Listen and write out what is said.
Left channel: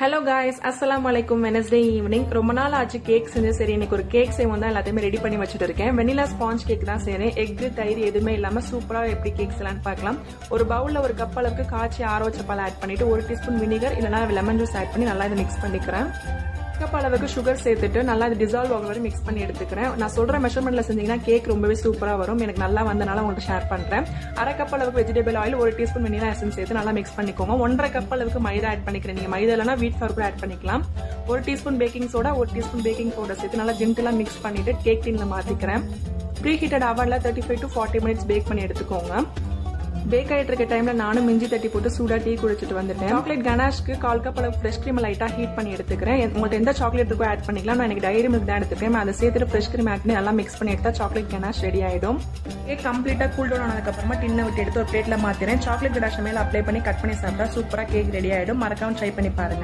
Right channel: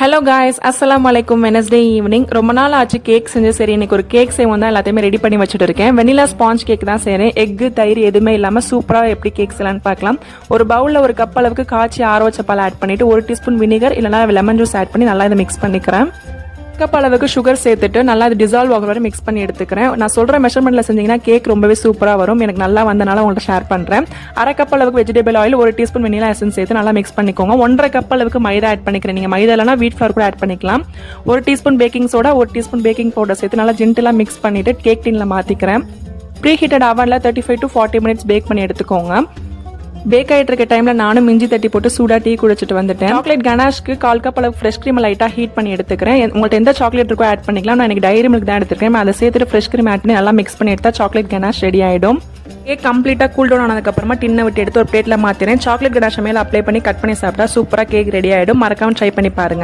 Hello guys, அஸ்ஸலாமு அலைக்கும். Wednesday evening. ரொம்ப நாள் ஆச்சு கேக் செஞ்சு. சரி, இன்னைக்கு ஒரு கேக் செய்வோம் தான் எல்லாத்தையுமே ரெடி பண்ணி வச்சுட்டு இருக்கேன். வெனிலா ஸ்பாஞ்ச் கேக் தான் செய்கிறேன். எக்கு தயிர் எதுவுமே இல்லாமல் சூப்பராக எப்படி கேக் செய்யலான்னு பார்க்கலாம். ஒரு பவுலில் ஒரு கப் அளவுக்கு காய்ச்சி ஆற வச்ச பால் ஆட் பண்ணிவிட்டு 1 டீஸ்பூன் வினிகர் இல்லைனா லெமன் ஜூஸ் ஆட் பண்ணி நல்லா இதை மிக்ஸ் பண்ணிக்கிறேன். கப் அளவுக்கு சுகர் சேர்த்துட்டு நல்லா இது டிசால்வ் ஆகிற வரை மிக்ஸ் பண்ணி எடுத்துக்கிறேன். நான் சொல்கிற மெஷர்மெண்ட்டில் செஞ்சிங்கன்னா கேக் ரொம்பவே சூப்பராக வரும். எனக்கு நல்லா வந்தனால உங்கள்கிட்ட ஷேர் பண்ணுறேன். அரை கப் அளவுக்கு vegetable oil, 1 teaspoon vanilla essence சேர்த்து நல்லா மிக்ஸ் பண்ணிக்கோங்க. 1.5 கப் அளவுக்கு மைதா ஆட் பண்ணிக்கிறேன். நீங்கள் மைதா இல்லைனா வீட் ஃப்ளவர் கூட ஆட் பண்ணிக்கலாம். 1 teaspoon baking soda, 1 teaspoon baking powder சேர்த்து நல்லா ஜென்டிலாக மிக்ஸ் பண்ணிவிட்டு கேக் டின்னில் மாற்றிக்கிறேன். ப்ரீ ஹீட்டட் அவனில் 35 to 40 மினிட்ஸ் பேக் பண்ணி எடுத்துக்கோங்க. பேக் ஆகிட்டு இருக்க டைமில் நானும் இஞ்சி தட்டி போட்டு சூடாக டீ குடிச்சிட்டு வந்துட்டேன். சாக்லேட் கனாஷ்க்கு 1/4 கப் அளவு ஃப்ரெஷ் க்ரீம் லைட்டாக ஹீட் பண்ணி எடுத்துக்கிறேன். உங்கள்கிட்ட எந்த சாக்லேட் இருக்கோ ஆட் பண்ணிக்கலாம். நான் எனக்கு டைரி மில்க் தான் எடுத்துக்கிறேன். அதை சேர்த்துட்டு ஃப்ரெஷ் க்ரீம் ஆட் பண்ணி நல்லா மிக்ஸ் பண்ணி எடுத்தால் சாக்லேட் கனாஷ் ரெடி ஆகிடும். கேக் கம்ப்ளீட்டாக கூல் டவுன் ஆனதுக்கப்புறமா டின்னை விட்டு எடுத்து ஒரு பிளேட்டில் மாற்றினேன். சாக்லேட் கனாஷை மேலே அப்ளை பண்ணி கட் பண்ணி சாப்பிட்டா சூப்பராக கேக் ரெடி ஆகிடும். மறக்காமல் ட்ரை பண்ணி பாருங்கள்.